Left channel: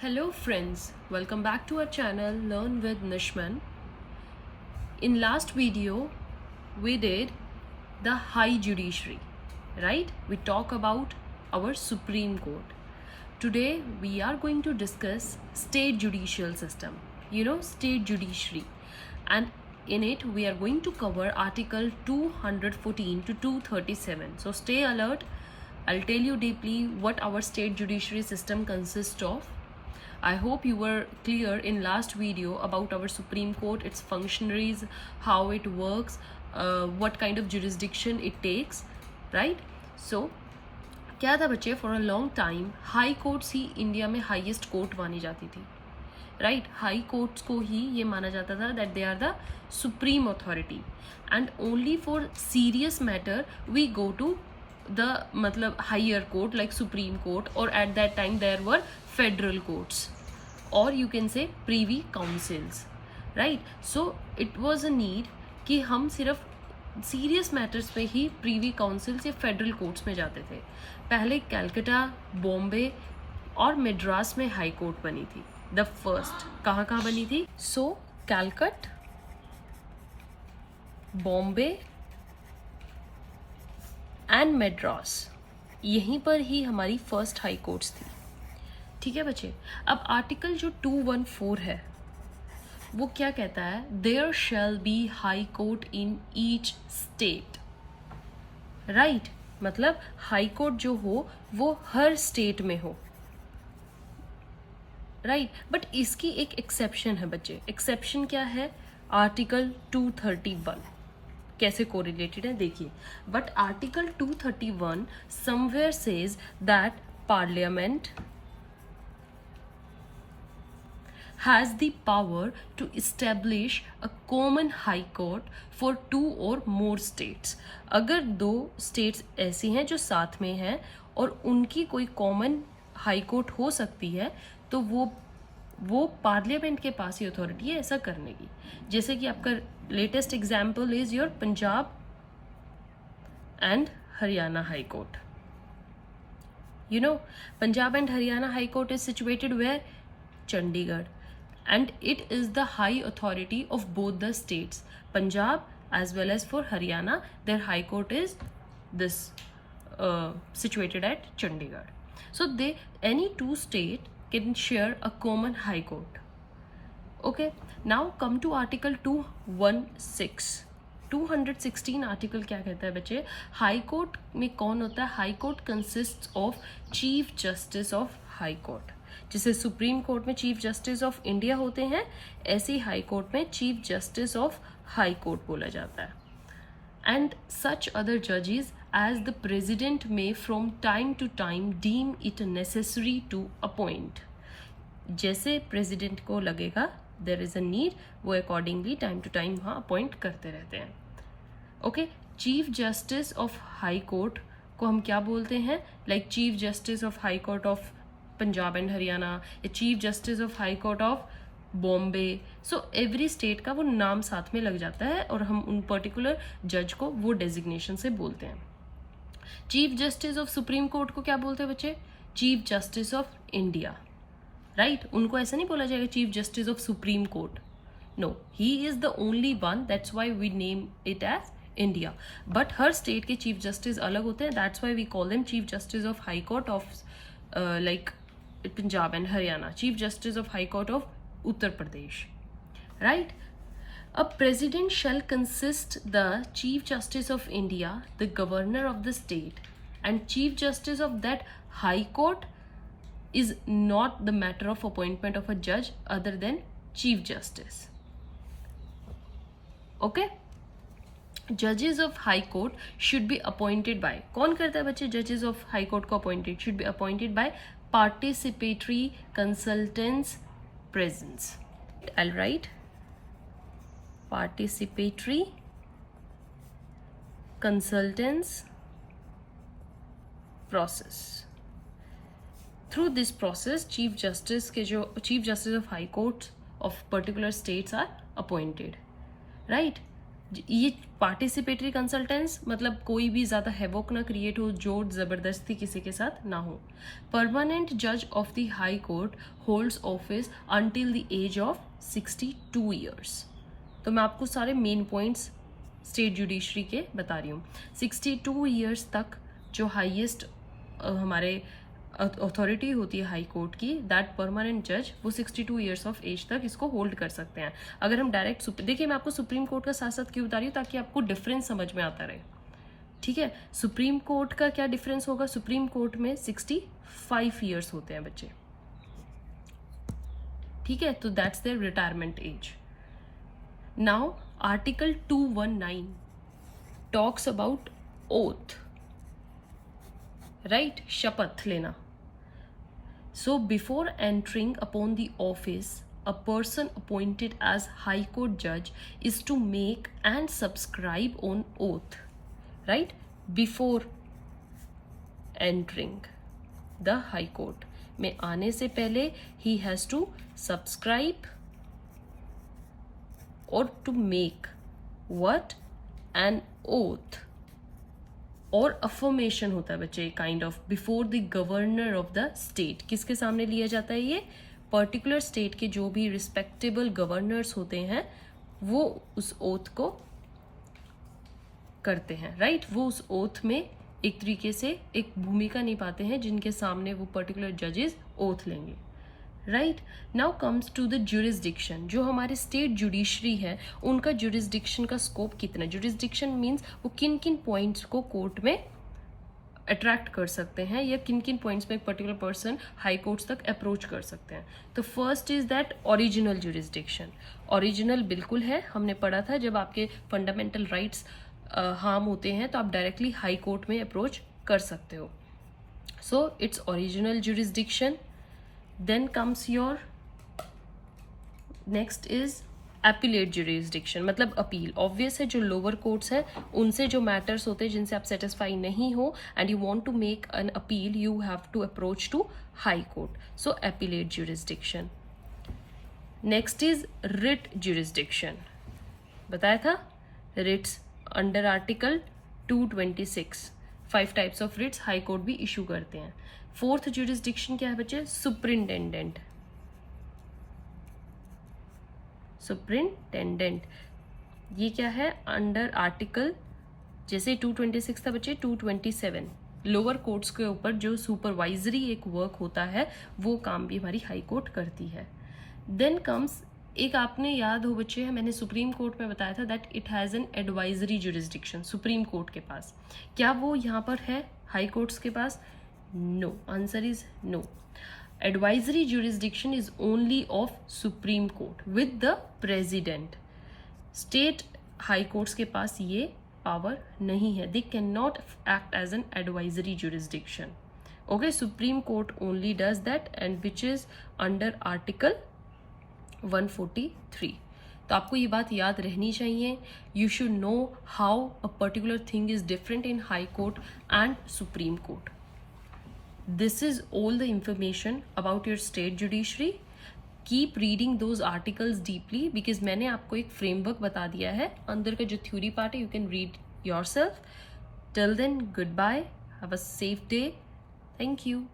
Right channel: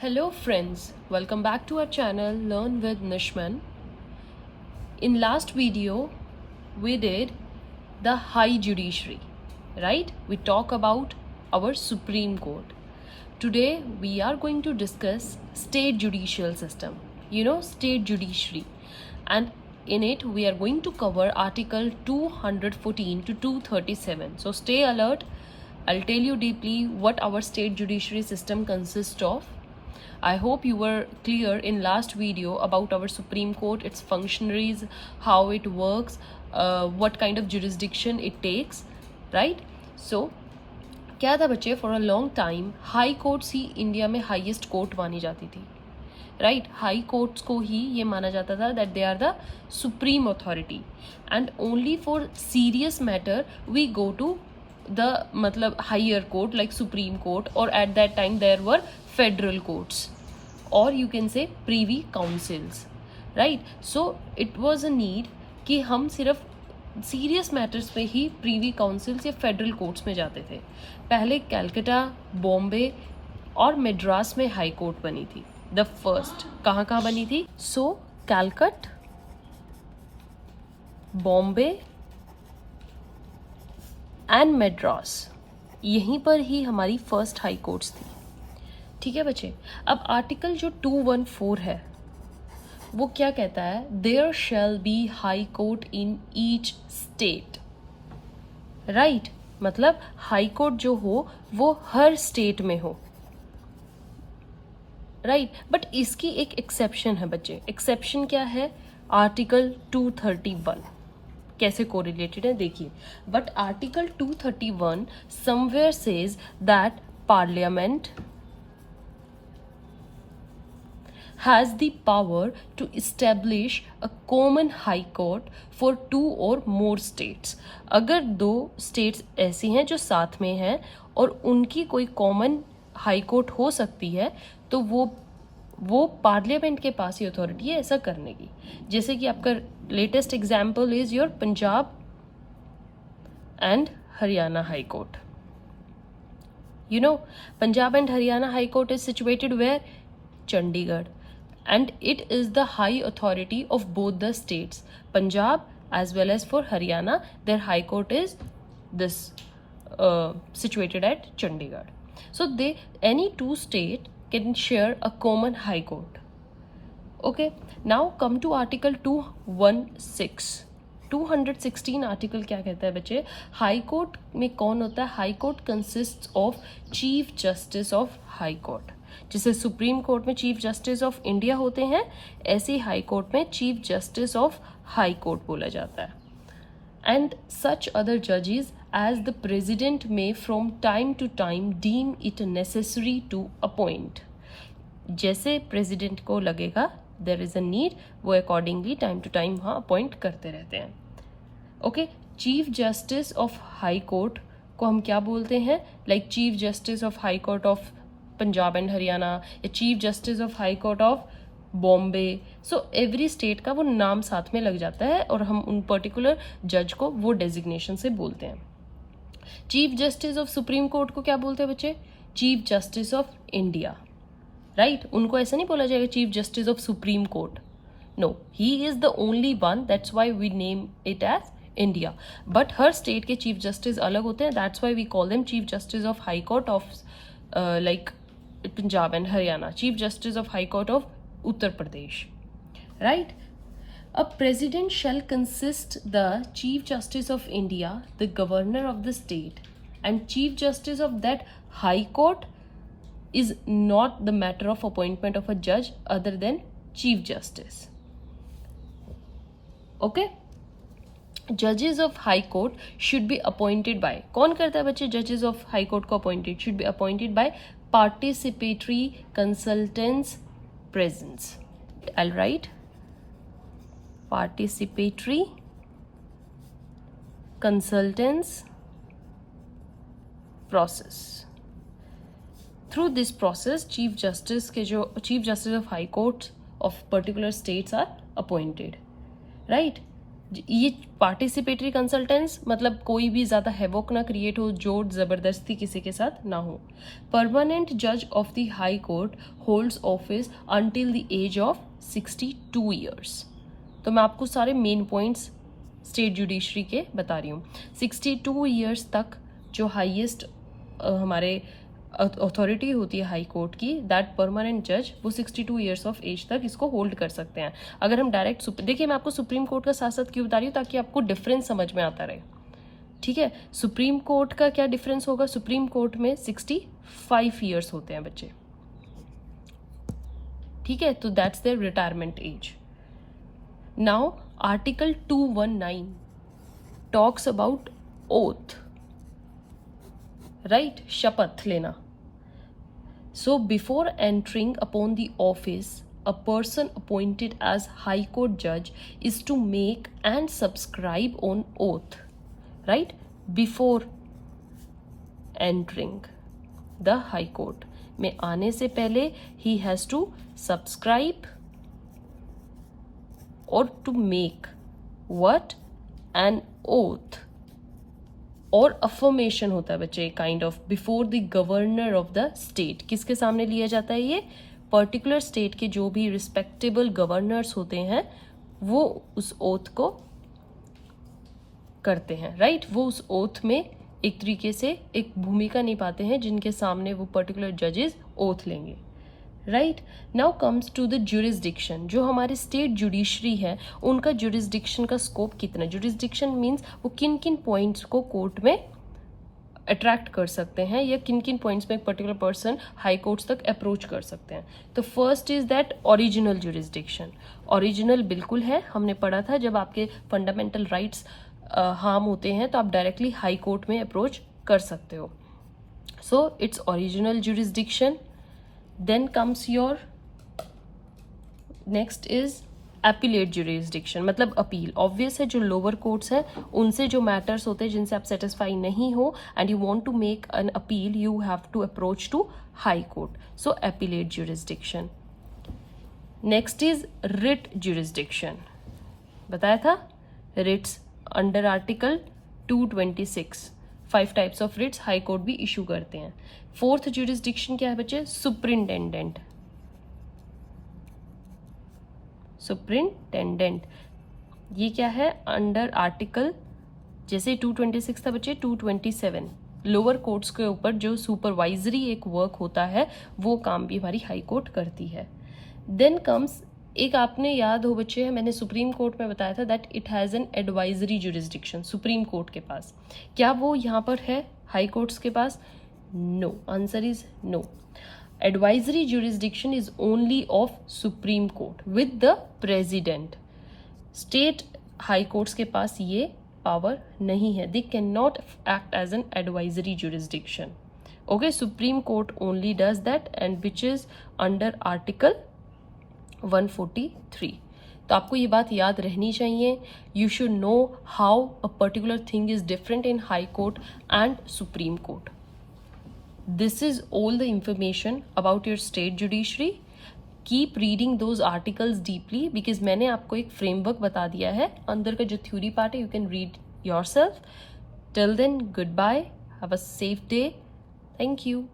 Hello friends, welcome back to our channel Learn with Nishman. In last video we did the High Judiciary, right? We talk about our Supreme Court. Today we are going to discuss state judicial system, state judiciary, and in it we are going to cover article 214 to 237. So stay alert. I'll tell you deeply what our state judiciary system consists of. I hope you were clear in last video about our Supreme Court, its functionaries, how it works, what kind of jurisdiction it takes, right? So क्या था बच्चे, for a long time high courts he India में highest court मानी जाती थी, right? High courts को ही ये माना जाता था that they are the supreme authority and only for serious matter we go to the मतलब higher court like supreme court, और at that time there were federal courts और you can say privy councils, right? So it was a need कि हम सिर्फ serious matters पे ही privy council से federal courts में जाते थे. पहले कैलकाटा, बॉम्बे और मद्रास में हाई कोर्ट बनी थी. द फर्स्ट कहाँ बनी थी? सो कैलकट, बॉम्बे एंड मद्रास, यहीं पर ही हमारी फर्स्ट हाई कोर्ट्स थी. ठीक है बच्चे. अब आर्टिकल जो 214 है वो क्या कहता है? There shall be high court in each state, right? मतलब हाई कोर्ट जो हो वो हर स्टेट में हो, राइट? बट इसकी एक एक्सेप्शन है बच्चे. एक्सेप्शन क्या है? आर्टिकल 231. कैसे कोरिलेटेड है देखिए. But article 231 somewhere says that parliament has the power to establish a common high court for two or more states. अगर दो states ऐसी हैं जो साथ में हैं और उनकी कोई common high court हो सकती है तो वो पार्लियामेंट के पास ही अथॉरिटी है ऐसा करने की. जैसे कि आपका latest example is your Punjab and Haryana high court. You know, Punjab and Haryana High Court is situated where? Chandigarh. And it is the high authority of both the states, Punjab as well as for Haryana. Their high court is this situated at Chandigarh. So any two state can share a common high court. Okay, now come to article 216. 216 article क्या कहता है बच्चे? High court में कौन होता है? High court consist of chief justice of high court. जैसे supreme court में चीफ जस्टिस ऑफ इंडिया होते हैं, ऐसे हाई कोर्ट में chief justice of high court बोला जाता है. एंड सच अदर जजेस as the president may from time to time deem it necessary to appoint. जैसे प्रेसिडेंट को लगेगा देयर इज अ नीड, वो अकॉर्डिंगली टाइम टू टाइम वहाँ अपॉइंट करते रहते हैं. Okay, chief justice of high court को हम क्या बोलते हैं? Like chief justice of high court of Punjab and Haryana या chief justice of high court of Bombay. So every state का वो नाम साथ में लग जाता है और हम उन पर्टिकुलर जज को वो डेजिग्नेशन से बोलते हैं. Chief justice of supreme court को क्या बोलते हैं बच्चे? Chief justice of India, right? उनको ऐसा नहीं बोला जाएगा chief justice of supreme court. No, he is the only one, that's why we name it as India. But हर स्टेट के चीफ जस्टिस अलग होते हैं, that's why we call them chief justice of high court of like Punjab and Haryana, Chief Justice of High Court of Uttar Pradesh, right? A president shall consist the Chief Justice of India, the governor of the state, and Chief Justice of that High Court is not the matter of appointment of a judge other than Chief Justice. Okay? Judges of High Court should be appointed by, कौन करता है बच्चे Judges of High Court को appointed? Should be appointed by participatory consultants presence. I'll write participatory consultants process. Through this process, Chief Justice of High Court of particular states are appointed, right? ये participatory कंसल्टेंस मतलब कोई भी ज्यादा हेवोक ना create हो, जोर जबरदस्ती किसी के साथ ना हो. परमानेंट जज of the high court holds office until the age of 62 years. तो मैं आपको सारे मेन पॉइंट्स स्टेट जुडिशरी के बता रही हूँ. 62 ईयर्स तक जो हाईएस्ट हमारे अथॉरिटी होती है हाई कोर्ट की, दैट परमानेंट जज, वो 62 ईयर्स ऑफ एज तक इसको होल्ड कर सकते हैं. अगर हम डायरेक्ट देखिए, मैं आपको सुप्रीम कोर्ट का साथ साथ क्यों बता रही हूँ, ताकि आपको डिफरेंस समझ में आता रहे. ठीक है, सुप्रीम कोर्ट का क्या डिफरेंस होगा, सुप्रीम कोर्ट में 65 ईयर्स होते हैं बच्चे. ठीक है, तो that's their retirement age. Now article 219 talks about oath, right, शपथ लेना. So before entering upon the office, a person appointed as High Court judge is to make and subscribe on oath, right? Before entering the High Court में आने से पहले he has to subscribe or to make what? An oath. और affirmation होता है बच्चे kind of before the governor of the state. किसके सामने लिया जाता है ये? पर्टिकुलर स्टेट के जो भी रिस्पेक्टेबल गवर्नर्स होते हैं वो उस ओथ को करते हैं, राइट. वो उस ओथ में एक तरीके से एक भूमिका निभाते हैं जिनके सामने वो पर्टिकुलर जजेस ओथ लेंगे, right. Now comes to the jurisdiction. जो हमारे स्टेट जुडिशरी है उनका जुरिस्डिक्शन का स्कोप कितना. जुरिस्डिक्शन मीन्स वो किन किन पॉइंट्स को कोर्ट में अट्रैक्ट कर सकते हैं या किन किन पॉइंट्स में एक पर्टिकुलर पर्सन हाई कोर्ट्स तक अप्रोच कर सकते हैं. तो first is that original jurisdiction. Original बिल्कुल है, हमने पढ़ा था जब आपके फंडामेंटल राइट्स हार्म होते हैं तो आप डायरेक्टली हाई कोर्ट में अप्रोच कर सकते हो. So its original jurisdiction. Then comes your next is appellate jurisdiction, मतलब अपील. ऑब्वियस है, जो लोअर कोर्ट्स है उनसे जो मैटर्स होते हैं जिनसे आप सेटिस्फाई नहीं हो and you want to make an appeal, you have to approach to high court. So appellate jurisdiction. Next is writ jurisdiction. बताया था writs under article 226 5 types of writs high court भी issue करते हैं. Fourth jurisdiction क्या है बच्चे? Superintendent. Superintendent ये क्या है? अंडर आर्टिकल, जैसे 226 था बच्चे, 227 लोअर कोर्ट्स के ऊपर जो सुपरवाइजरी एक वर्क होता है वो काम भी हमारी हाई कोर्ट करती है. देन कम्स, एक आपने याद हो बच्चे, मैंने सुप्रीम कोर्ट में बताया था that it has an advisory jurisdiction. Supreme court के पास क्या वो यहाँ पर है हाई कोर्ट्स के पास? No. Answer is no. Advisory jurisdiction is only of supreme court with the president. State high courts के पास ये पावर नहीं है. They can not act as an advisory jurisdiction. Okay, supreme court only does that and which is under article 143. तो आपको ये बात याद रहनी चाहिए. You should know how a particular thing is different in high court and supreme court. This is all the information about your state judiciary. Keep reading those articles deeply because मैंने आपको एक फ्रेमवर्क बता दिया है. अंदर का जो theory part है you can read yourself. Till then, goodbye, have a safe day. Thank you.